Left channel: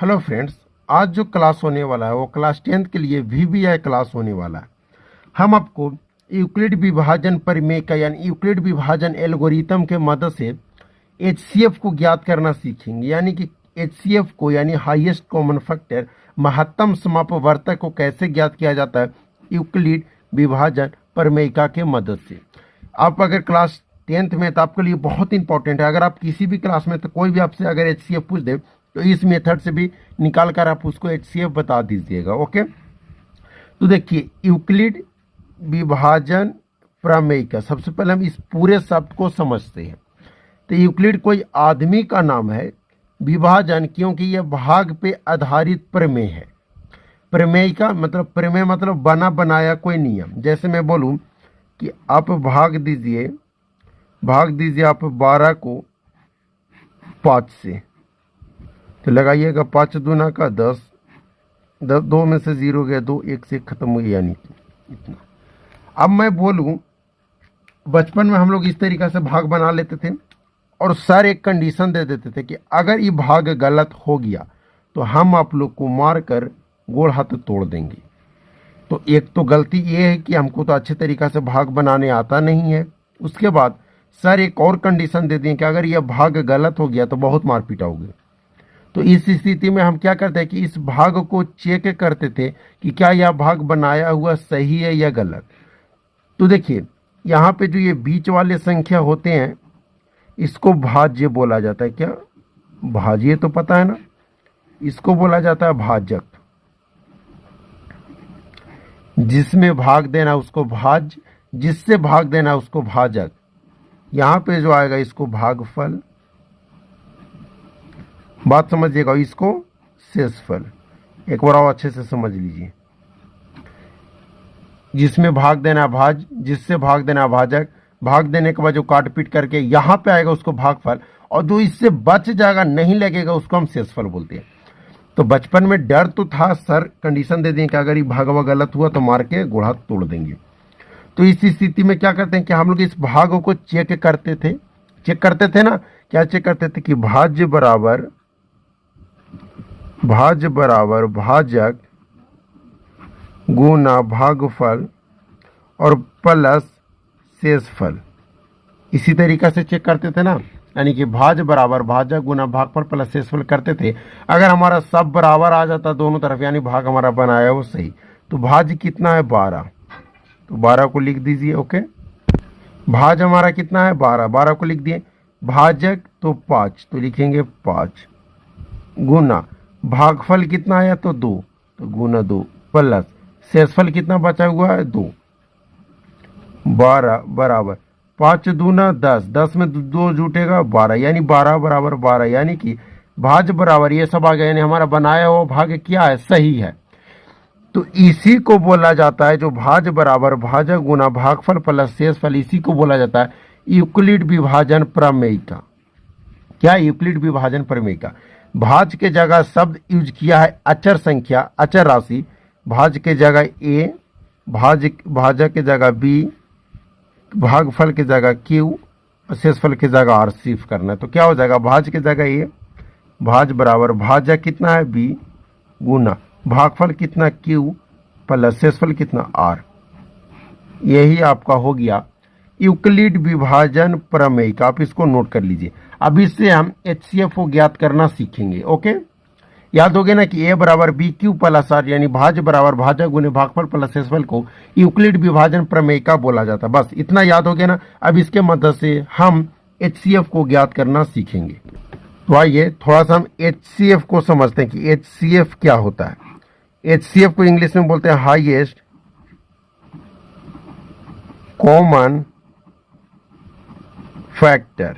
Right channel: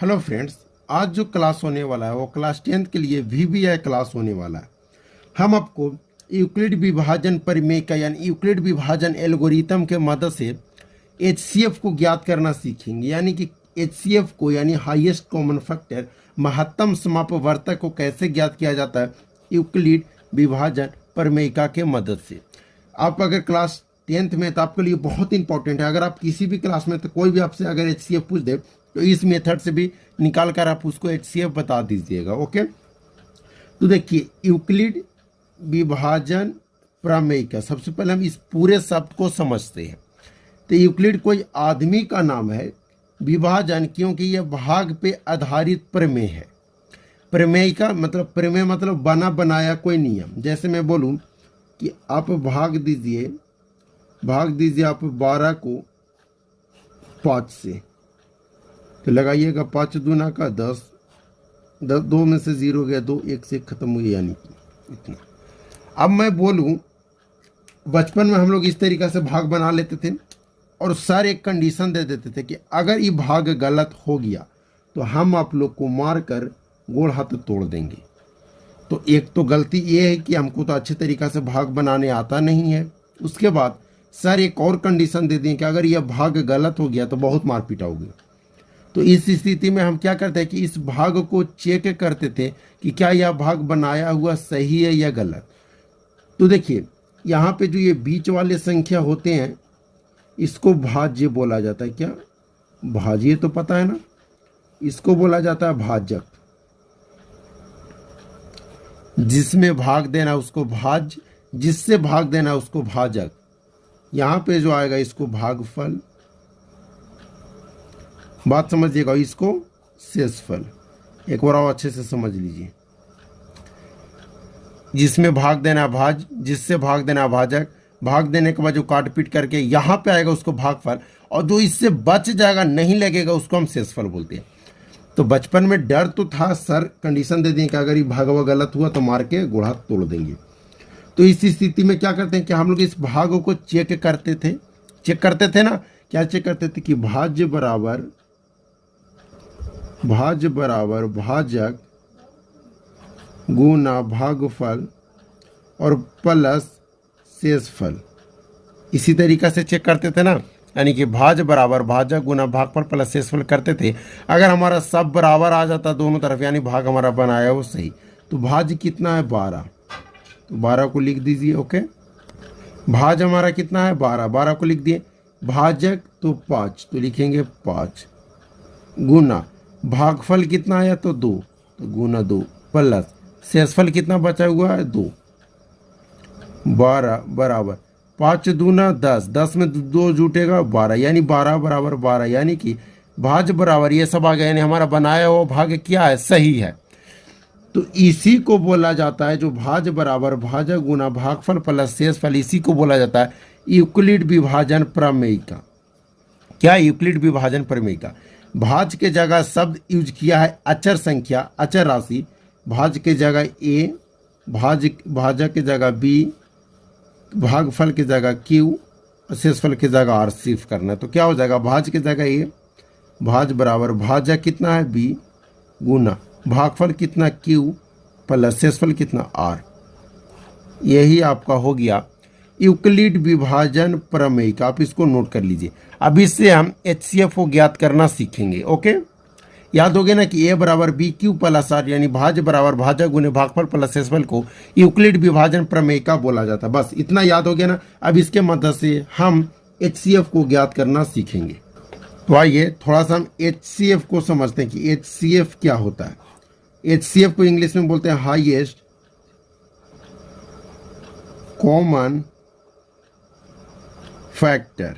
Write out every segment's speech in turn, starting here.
Hello friends, आज जो class होने वाला है वो क्लास 10th के लिए वीवीआई क्लास होने वाला है। हम आपको यूक्लिड विभाजन प्रमेय का यानी यूक्लिड विभाजन एल्गोरिथम के मदद से एचसीएफ को ज्ञात करना सीखेंगे। यानी कि एचसीएफ को यानी हाईएस्ट कॉमन फैक्टर महत्तम समापवर्तक को कैसे ज्ञात किया जाता है यूक्लिड विभाजन प्रमेयिका के मदद से। आप अगर क्लास 10th में तो आपके लिए बहुत इंपॉर्टेंट है। अगर आप किसी भी क्लास में तो कोई भी आपसे अगर एचसीएफ पूछ दे तो इस मेथड से भी निकाल कर आप उसको एचसीएफ बता दीजिएगा। ओके, तो देखिए यूक्लिड विभाजन प्रमेयिका, सबसे पहले हम इस पूरे शब्द को समझते हैं। तो यूक्लिड कोई आदमी का नाम है, विभाजन क्योंकि यह भाग पे आधारित प्रमेय है। प्रमेयिका मतलब प्रमेय मतलब बना बनाया कोई नियम। जैसे मैं बोलूं कि आप भाग दीजिए आप 12 को 5 से, तो लगाइएगा 5 दूना का 10, 2 में से 0 गया 2, 1 से खत्म हुई, यानी इतना। अब मैं बोलूं, बचपन में हम लोग इस तरीक़ा से भाग बना लेते थे और सर एक कंडीशन दे देते थे कि अगर ये भाग गलत हो गया तो हम आप लोग को मार कर गोड़ हाथ तोड़ देंगे। तो एक तो गलती ये है कि हमको तो अच्छे तरीक़ा से भाग बनाने आता नहीं है। उसके बाद सर एक और कंडीशन दे दें कि अगर यह भाग गलत हो गया तो बहुत मार पिटाओगे। तो इस स्थिति में हम क्या करते हैं कि इस भाग को चेक करते थे कि क्या यह भाग बनाया हुआ सही है या गलत। तो देखिए यहाँ पे जो ये बीच वाले संख्या होते हैं इसको भाज्य बोला जाता है। क्या भाज्य तो पता है ना, इसको बोला जाता है भाजक। जिसमें भाग देना उसको भाज्य, जिससे भाग देना उसको भाजक। यहाँ पे जो आएगा इसको भागफल, बात समझिएगा, इसको शेषफल। एक बार और अच्छे से समझ लीजिए। जिसमें भाग देना भाज, जिससे भाग देना भाजक, भाग देने के बाद जो काट पीट करके यहाँ पे आएगा उसको भागफल, और जो इससे बच जाएगा नहीं लगेगा उसको हम शेषफल बोलते हैं। तो बचपन में डर तो था, सर कंडीशन दे दें कि अगर ये भागवा गलत हुआ तो मार के गोड़ हाथ तोड़ देंगे। तो इस स्थिति में क्या करते हैं कि हम लोग इस भाग को चेक करते थे ना। क्या चेक करते थे कि भाज्य बराबर भाजक गुना भागफल और प्लस शेषफल। इसी तरीका से चेक करते थे ना, यानी कि भाज बराबर भाजक गुना भागफल प्लस शेषफल करते थे। अगर हमारा सब बराबर आ जाता दोनों तरफ, यानी भाग हमारा बनाया वो सही, तो भाज कितना है 12, तो 12 को लिख दीजिए। ओके, भाज हमारा कितना है 12, 12 को लिख दिए। भाजक तो 5, तो लिखेंगे 5, गुना भागफल कितना आया तो 2, तो गुना 2, प्लस शेषफल कितना बचा हुआ है 2, 12 बराबर 5 दूना 10, 10 में 2 जुटेगा 12, यानी 12 बराबर 12, यानी कि भाज बराबर ये सब आ गया, यानी हमारा बनाया हुआ भाग क्या है, सही है। तो इसी को बोला जाता है, जो भाज बराबर भाजक गुना भागफल प्लस शेषफल, इसी को बोला जाता है यूक्लिड विभाजन प्रमेयिका। क्या यूक्लिड विभाजन प्रमेयिका। भाज के जगह शब्द यूज किया है अचर संख्या, अचर राशि। भाज के जगह ए, भाजक के जगह बी, भागफल की जगह क्यू, शेषफल की जगह आर सिर्फ करना है। तो क्या हो जाएगा, भाज की जगह ए, भाज बराबर भाजक कितना है बी, गुना भागफल कितना क्यू, प्लस शेषफल कितना आर। यही आपका हो गया यूक्लिड विभाजन प्रमेयिका। आप इसको नोट कर लीजिए। अब इससे हम एचसीएफ को ज्ञात करना सीखेंगे। ओके, याद हो गया ना कि ए बराबर बी क्यू प्लस आर, यानी भाज बराबर भाजक गुने भागफल प्लस शेषफल को यूक्लिड विभाजन प्रमेयिका बोला जाता है। बस इतना याद हो गया ना। अब इसके मदद से हम एचसीएफ को ज्ञात करना सीखेंगे। तो आइए थोड़ा सा हम एचसीएफ को समझते हैं कि एचसीएफ क्या होता है। एचसीएफ को इंग्लिश में बोलते हैं highest common factor.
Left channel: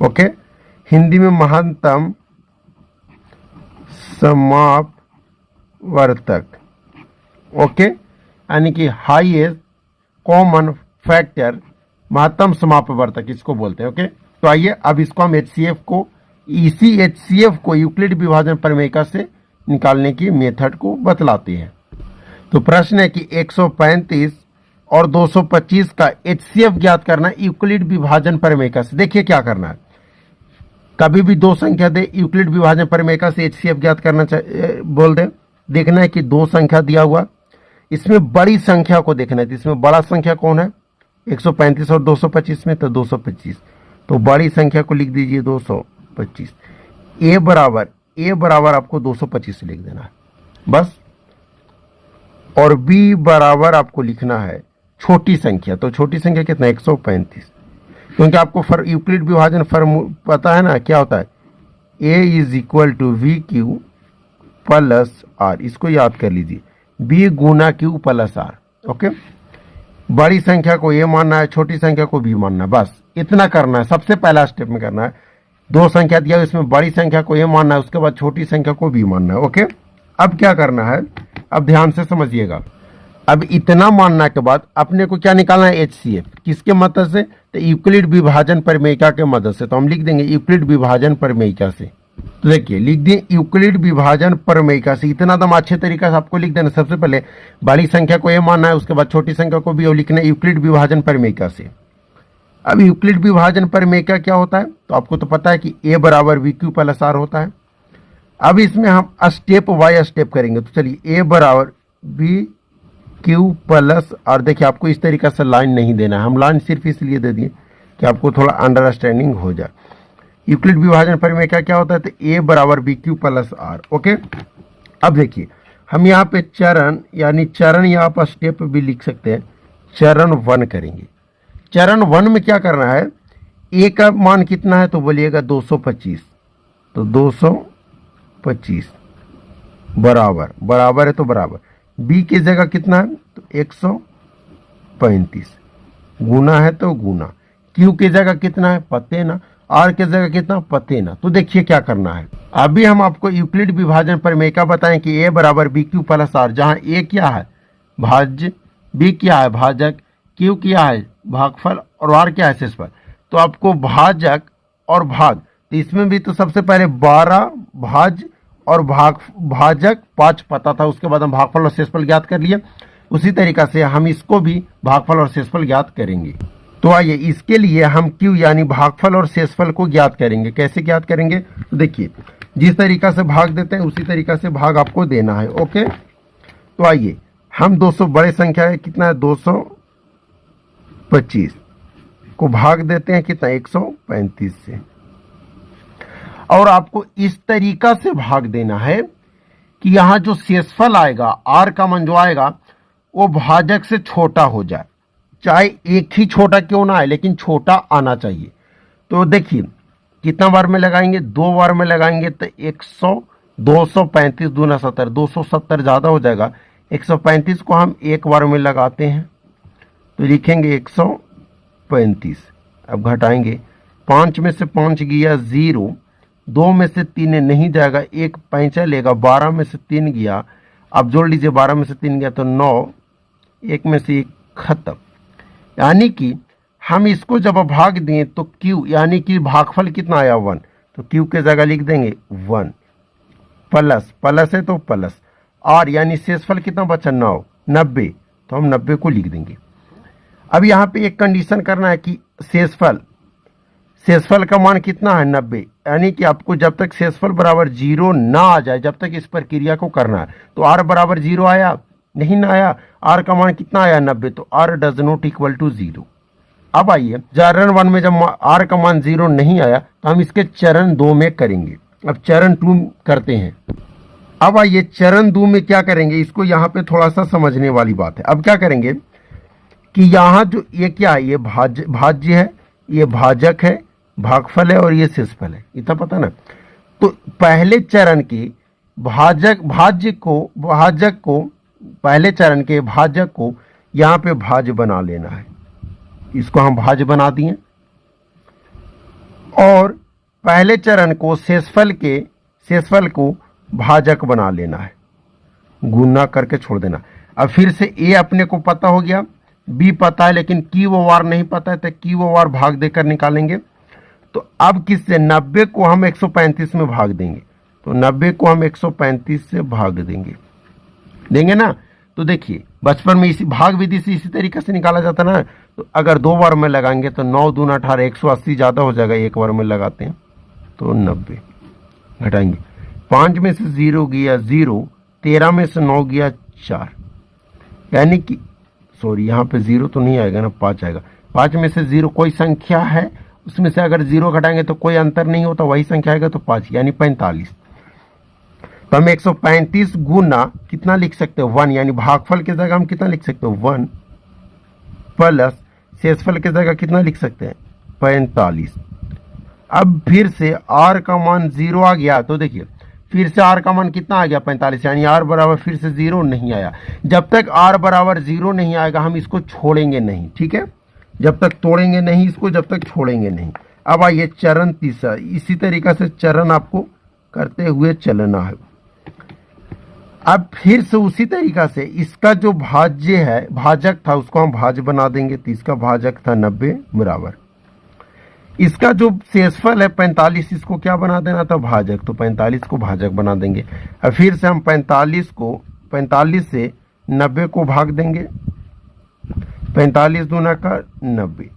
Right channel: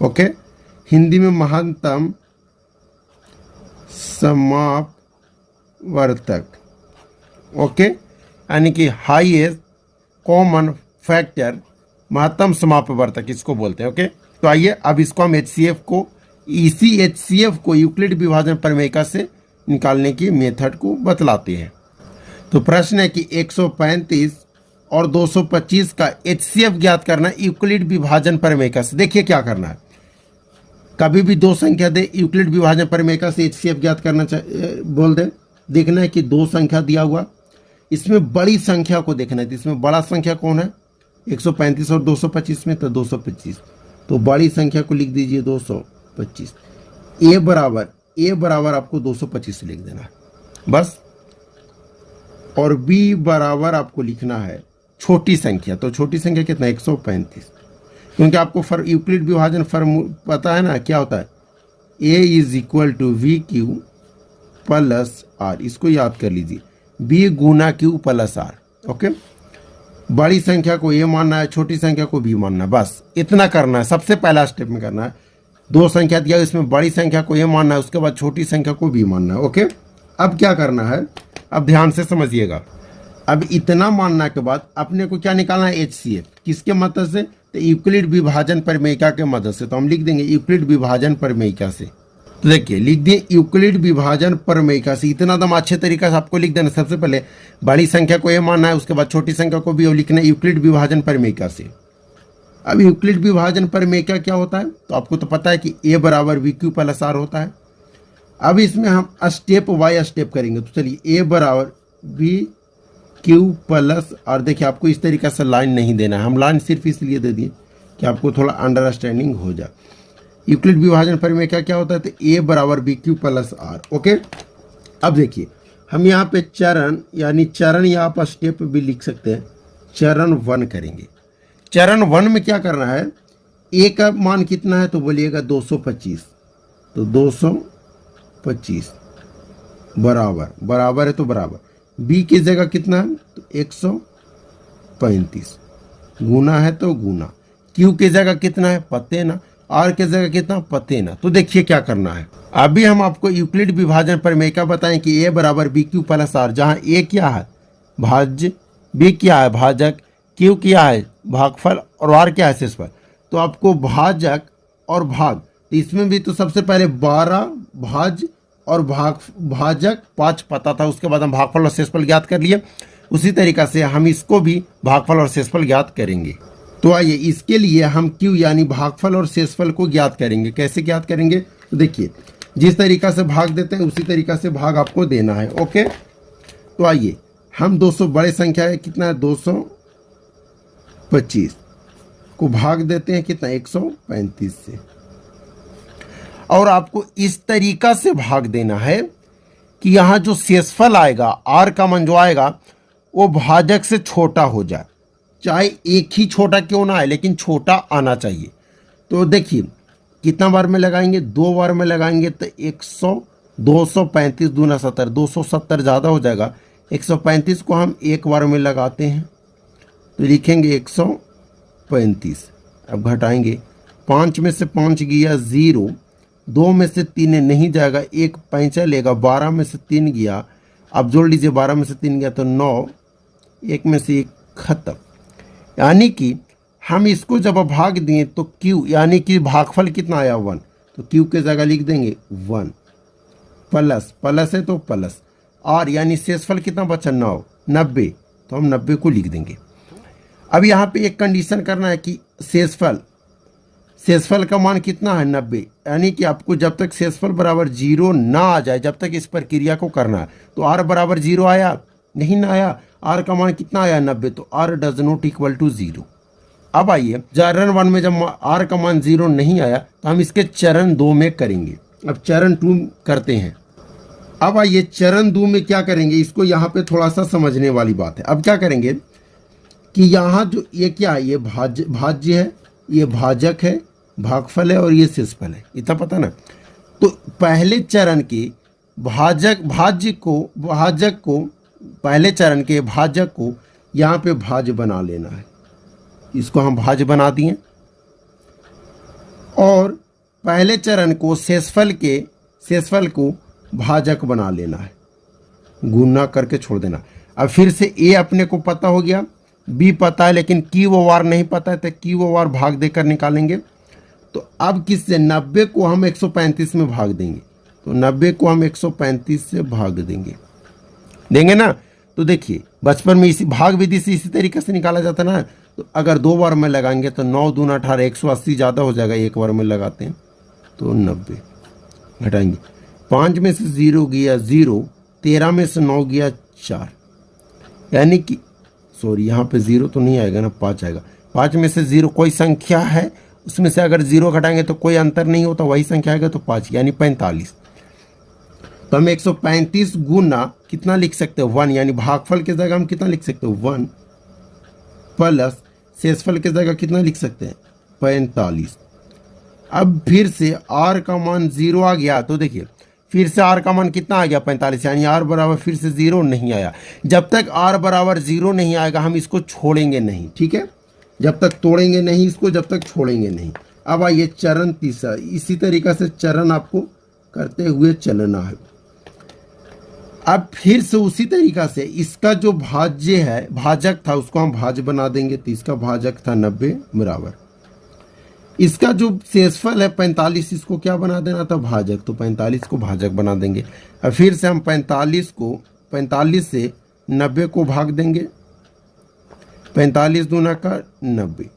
Okay, Hindi में महत्तम समापवर्तक। ओके, यानी कि हाईएस्ट कॉमन फैक्टर, महत्तम समापवर्तक इसको बोलते हैं। ओके, तो आइए अब इसको हम एचसीएफ को, इसी एचसीएफ को यूक्लिड विभाजन प्रमेयिका से निकालने की मेथड को बतलाते हैं। तो प्रश्न है कि 135 और 225 का एचसीएफ ज्ञात करना यूक्लिड विभाजन प्रमेयिका से। देखिए क्या करना है, कभी भी दो संख्या दे, यूक्लिड विभाजन प्रमेय से HCF ज्ञात करना बोल दे, देखना है कि दो संख्या दिया हुआ, इसमें बड़ी संख्या को देखना है। तो इसमें बड़ा संख्या कौन है, 135 और 225 में, तो 225, तो बड़ी संख्या को लिख दीजिए 225। ए बराबर आपको 225 लिख देना है बस। और बी बराबर आपको लिखना है छोटी संख्या, तो छोटी संख्या कितना, 135, क्योंकि आपको यूक्लिड विभाजन पता है ना क्या होता है, A is equal to VQ plus R, इसको याद कर लीजिए, B गुना Q प्लस R। ओके, बड़ी संख्या को A मानना है, छोटी संख्या को B मानना है, बस इतना करना है, सबसे पहला स्टेप में करना है। दो संख्या दिया, इसमें बड़ी संख्या को A मानना है, उसके बाद छोटी संख्या को B मानना है। ओके, अब क्या करना है, अब ध्यान से समझिएगा। अब इतना मानने के बाद अपने को क्या निकालना है, HCF, किसके मदद से, तो यूक्लिड विभाजन प्रमेयिका के मदद से। तो हम लिख देंगे यूक्लिड विभाजन प्रमेयिका से। तो देखिए लिख दिए यूक्लिड विभाजन प्रमेयिका से। इतना दम अच्छे तरीके से आपको लिख देना, सबसे पहले बड़ी संख्या को A मानना है, उसके बाद छोटी संख्या को B, और लिखना है यूक्लिड विभाजन प्रमेयिका से। अब यूक्लिड विभाजन प्रमेयिका क्या होता है, तो आपको तो पता है कि A बराबर VQ प्लस R होता है। अब इसमें हम स्टेप बाय स्टेप करेंगे। तो चलिए A बराबर VQ प्लस R, देखिए आपको इस तरीके से लाइन नहीं देना है, हम लाइन सिर्फ इसलिए दे दिए कि आपको थोड़ा अंडरस्टैंडिंग हो जाए। यूक्लिड विभाजन प्रमेय क्या होता है, तो A बराबर VQ प्लस R। ओके, अब देखिए हम यहाँ पे चरण यानी चरण यहाँ पर स्टेप भी लिख सकते हैं। चरण 1 करेंगे। चरण 1 में क्या करना है, A का मान कितना है, तो बोलिएगा 225, तो 225 बराबर है, तो बराबर B की जगह कितना है, तो 135, गुना है तो गुना, Q की जगह कितना है, पते ना, R की जगह कितना, पते ना। तो देखिए क्या करना है, अभी हम आपको यूक्लिड विभाजन प्रमेय का बताएं कि A बराबर VQ प्लस R, जहां A क्या है भाज्य, B क्या है भाजक, Q क्या है भागफल, और R क्या है शेषफल। तो आपको भाजक और भाग, तो इसमें भी तो सबसे पहले 12 भाज्य और भाजक 5 पता था, उसके बाद हम भागफल और शेषफल ज्ञात कर लिए। उसी तरीका से हम इसको भी भागफल और शेषफल ज्ञात करेंगे। तो आइए इसके लिए हम Q यानी भागफल और शेषफल को ज्ञात करेंगे। कैसे ज्ञात करेंगे, तो देखिए जिस तरीका से भाग देते हैं उसी तरीका से भाग आपको देना है। ओके, तो आइए हम 200 बड़े संख्या है कितना है, 225 को भाग देते हैं कितना, 135 से। और आपको इस तरीका से भाग देना है कि यहाँ जो शेषफल आएगा, R का मान जो आएगा वो भाजक से छोटा हो जाए, चाहे एक ही छोटा क्यों ना आए लेकिन छोटा आना चाहिए। तो देखिए कितना बार में लगाएंगे, 2 बार में लगाएंगे, तो 235 दूना 70, 270 ज़्यादा हो जाएगा। 135 को हम एक बार में लगाते हैं, तो लिखेंगे 135। अब घटाएंगे, 5 में से 5 गया 0, 2 में से 3 नहीं जाएगा, 1 पैंचा लेगा, 12 में से 3 गया, अब जोड़ लीजिए 12 में से 3 गया तो 9, 1 में से 1 खत्म। यानी कि हम इसको जब भाग दें तो Q यानी कि भागफल कितना आया 1, तो Q के जगह लिख देंगे 1 प्लस है तो प्लस R यानी शेषफल कितना बचा 90, तो हम 90 को लिख देंगे। अब यहाँ पे एक कंडीशन करना है कि शेषफल का मान कितना है 90, यानी कि आपको जब तक शेषफल बराबर 0 ना आ जाए जब तक इस प्रक्रिया को करना है। तो R बराबर 0 आया नहीं ना आया, R का मान कितना आया 90, तो R does not equal to 0। अब आइए चरण 1 में जब R का मान 0 नहीं आया तो हम इसके चरण 2 में करेंगे। अब चरण 2 करते हैं। अब आइए चरण 2 में क्या करेंगे, इसको यहाँ पे थोड़ा सा समझने वाली बात है। अब क्या करेंगे कि यहाँ जो ये क्या है, ये भाज्य है, ये भाजक है, भागफल है और ये शेषफल है, इतना पता ना। तो पहले चरण के भाजक को पहले चरण के भाजक को यहाँ पे भाज्य बना लेना है, इसको हम भाज्य बना दिए। और पहले चरण को शेषफल को भाजक बना लेना है, गुना करके छोड़ देना। अब फिर से A अपने को पता हो गया, B पता है लेकिन Q और R नहीं पता है, तो Q और R भाग देकर निकालेंगे। तो अब किससे, 90 को हम 135 में भाग देंगे, तो 90 को हम 135 से भाग देंगे ना। तो देखिए बचपन में इसी भाग विधि से इसी तरीके से निकाला जाता ना। तो अगर 2 बार में लगाएंगे तो 9 दूना 18, 180 ज़्यादा हो जाएगा, 1 बार में लगाते हैं तो 90 घटाएंगे। 5 में से 0 गया 0, 13 में से 9 गया 4, यानी कि सॉरी यहाँ पे 0 तो नहीं आएगा ना, 5 आएगा। 5 में से 0 कोई संख्या है, उसमें से अगर 0 घटाएंगे तो कोई अंतर नहीं होता, वही संख्या आएगा तो 5 यानी 45। तो हम 135 गुना कितना लिख सकते हैं 1, यानी भागफल की जगह हम कितना लिख सकते हैं 1 प्लस शेषफल की जगह कितना लिख सकते हैं 45। अब फिर से r का मान 0 आ गया, तो देखिए फिर से r का मान कितना आ गया 45, यानी r बराबर फिर से 0 नहीं आया। जब तक r बराबर 0 नहीं आएगा हम इसको छोड़ेंगे नहीं, ठीक है, जब तक तोड़ेंगे नहीं इसको, जब तक छोड़ेंगे नहीं। अब आइए चरण तीसरा, इसी तरीका से चरण आपको करते हुए चलना है। अब फिर से उसी तरीका से इसका जो भाज्य है, भाजक था, उसको हम भाज्य बना देंगे। तो इसका भाजक था 90 बराबर, इसका जो शेषफल है 45, इसको क्या बना देना था भाजक, तो 45 को भाजक बना देंगे। अब फिर से हम 45 से 90 को भाग देंगे, 45 दूना का 90,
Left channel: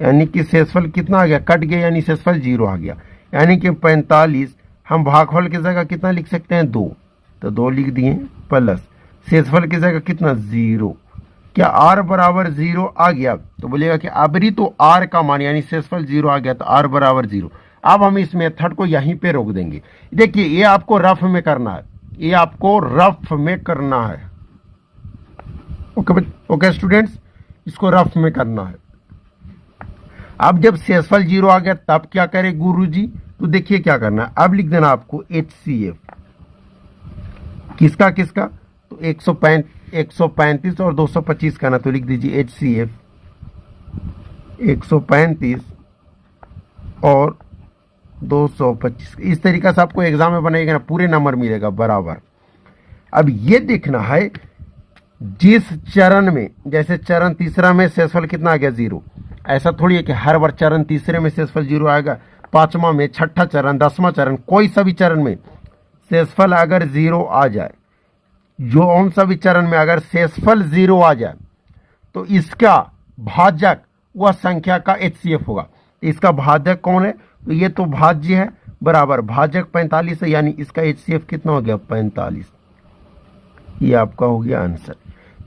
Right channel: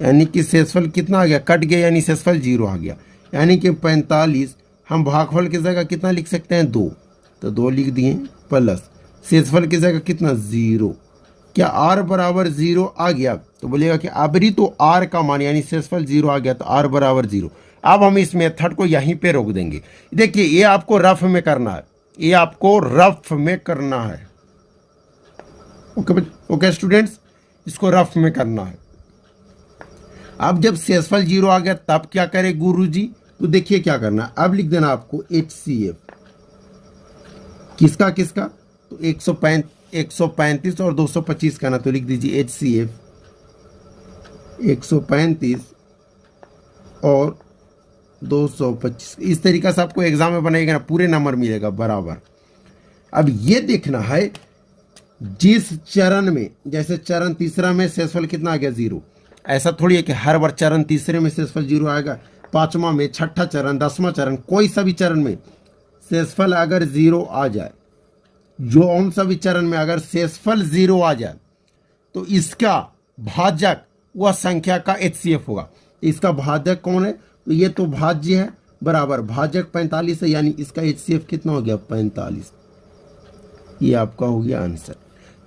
यानी कि शेषफल कितना आ गया, कट गया, यानी शेषफल 0 आ गया। यानी कि 45 हम भागफल की जगह कितना लिख सकते हैं 2, तो 2 लिख दिए, प्लस शेषफल की जगह कितना 0। क्या r बराबर 0 आ गया, तो बोलेगा कि अबरी तो r का मान यानी शेषफल 0 आ गया, तो r बराबर 0। अब हम इस मेथड को यहीं पे रोक देंगे। देखिए ये आपको रफ में करना है, ये आपको रफ में करना है। ओके स्टूडेंट्स, इसको रफ में करना है। अब जब शेषफल 0 आ गया तब क्या करे गुरुजी, तो देखिए क्या करना है। अब लिख देना आपको HCF, किसका किसका, तो 135 और 225 का ना, तो लिख दीजिए HCF 135 और 225। इस तरीका से आपको एग्जाम में बनेगा ना, पूरे नंबर मिलेगा बराबर। अब ये देखना है जिस चरण में, जैसे चरण तीसरा में शेषफल कितना आ गया 0, ऐसा थोड़ी है कि हर बार चरण तीसरे में शेषफल 0 आएगा, 5वां में, 6ठा चरण, 10वां चरण, कोई सा भी चरण में शेषफल अगर 0 आ जाए, जो उन सभी चरण में अगर शेषफल 0 आ जाए तो इसका भाजक वह संख्या का HCF होगा। इसका भाजक कौन है, तो ये तो भाज्य है बराबर भाजक 45 है, यानी इसका HCF कितना हो गया 45। ये आपका हो गया आंसर।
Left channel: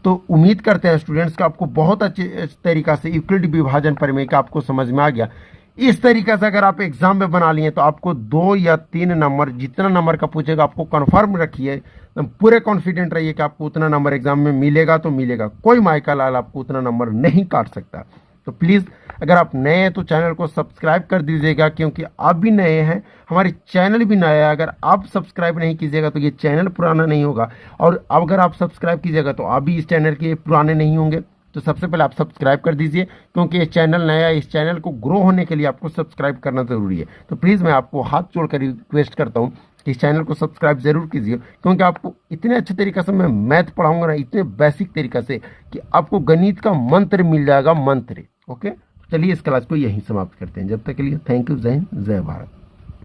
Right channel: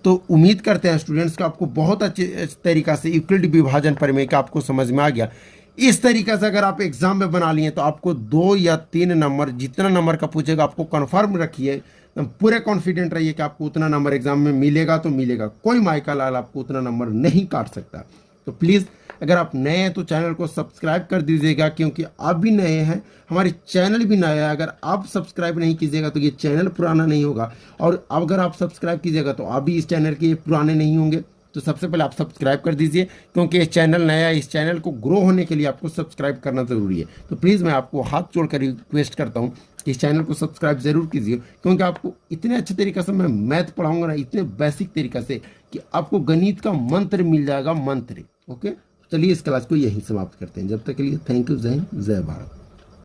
तो उम्मीद करते हैं स्टूडेंट्स का आपको बहुत अच्छे तरीका से यूक्लिड विभाजन प्रमेय का आपको समझ में आ गया। इस तरीके से अगर आप एग्जाम में बना लिए तो आपको 2 या 3 नंबर, जितना नंबर का पूछेगा आपको कन्फर्म रखिए, पूरे कॉन्फिडेंट रहिए कि आपको उतना नंबर एग्जाम में मिलेगा तो मिलेगा। कोई माइका लाल आपको उतना नंबर नहीं काट सकता। तो प्लीज़ अगर आप नए हैं तो चैनल को सब्सक्राइब कर दीजिएगा, क्योंकि आप भी नए हैं, हमारे चैनल भी नया है। अगर आप सब्सक्राइब नहीं कीजिएगा तो ये चैनल पुराना नहीं होगा, और अगर आप सब्सक्राइब कीजिएगा तो आप भी इस चैनल के पुराने नहीं होंगे। तो सबसे पहले आप सब्सक्राइब कर दीजिए, क्योंकि ये चैनल नया है, इस चैनल को ग्रो होने के लिए आपको सब्सक्राइब करना ज़रूरी है। तो प्लीज़ मैं आपको हाथ जोड़कर रिक्वेस्ट करता हूँ कि इस चैनल को सब्सक्राइब ज़रूर कीजिए, क्योंकि आपको इतने अच्छे तरीके से मैं मैथ पढ़ाऊँगा ना, इतने बेसिक तरीके से कि आपको गणित का मंत्र मिल जाएगा, मंत्र। ओके, चलिए इस क्लास को यहीं समाप्त करते हैं। जब तक के लिए थैंक यू, जय हिंद, जय भारत।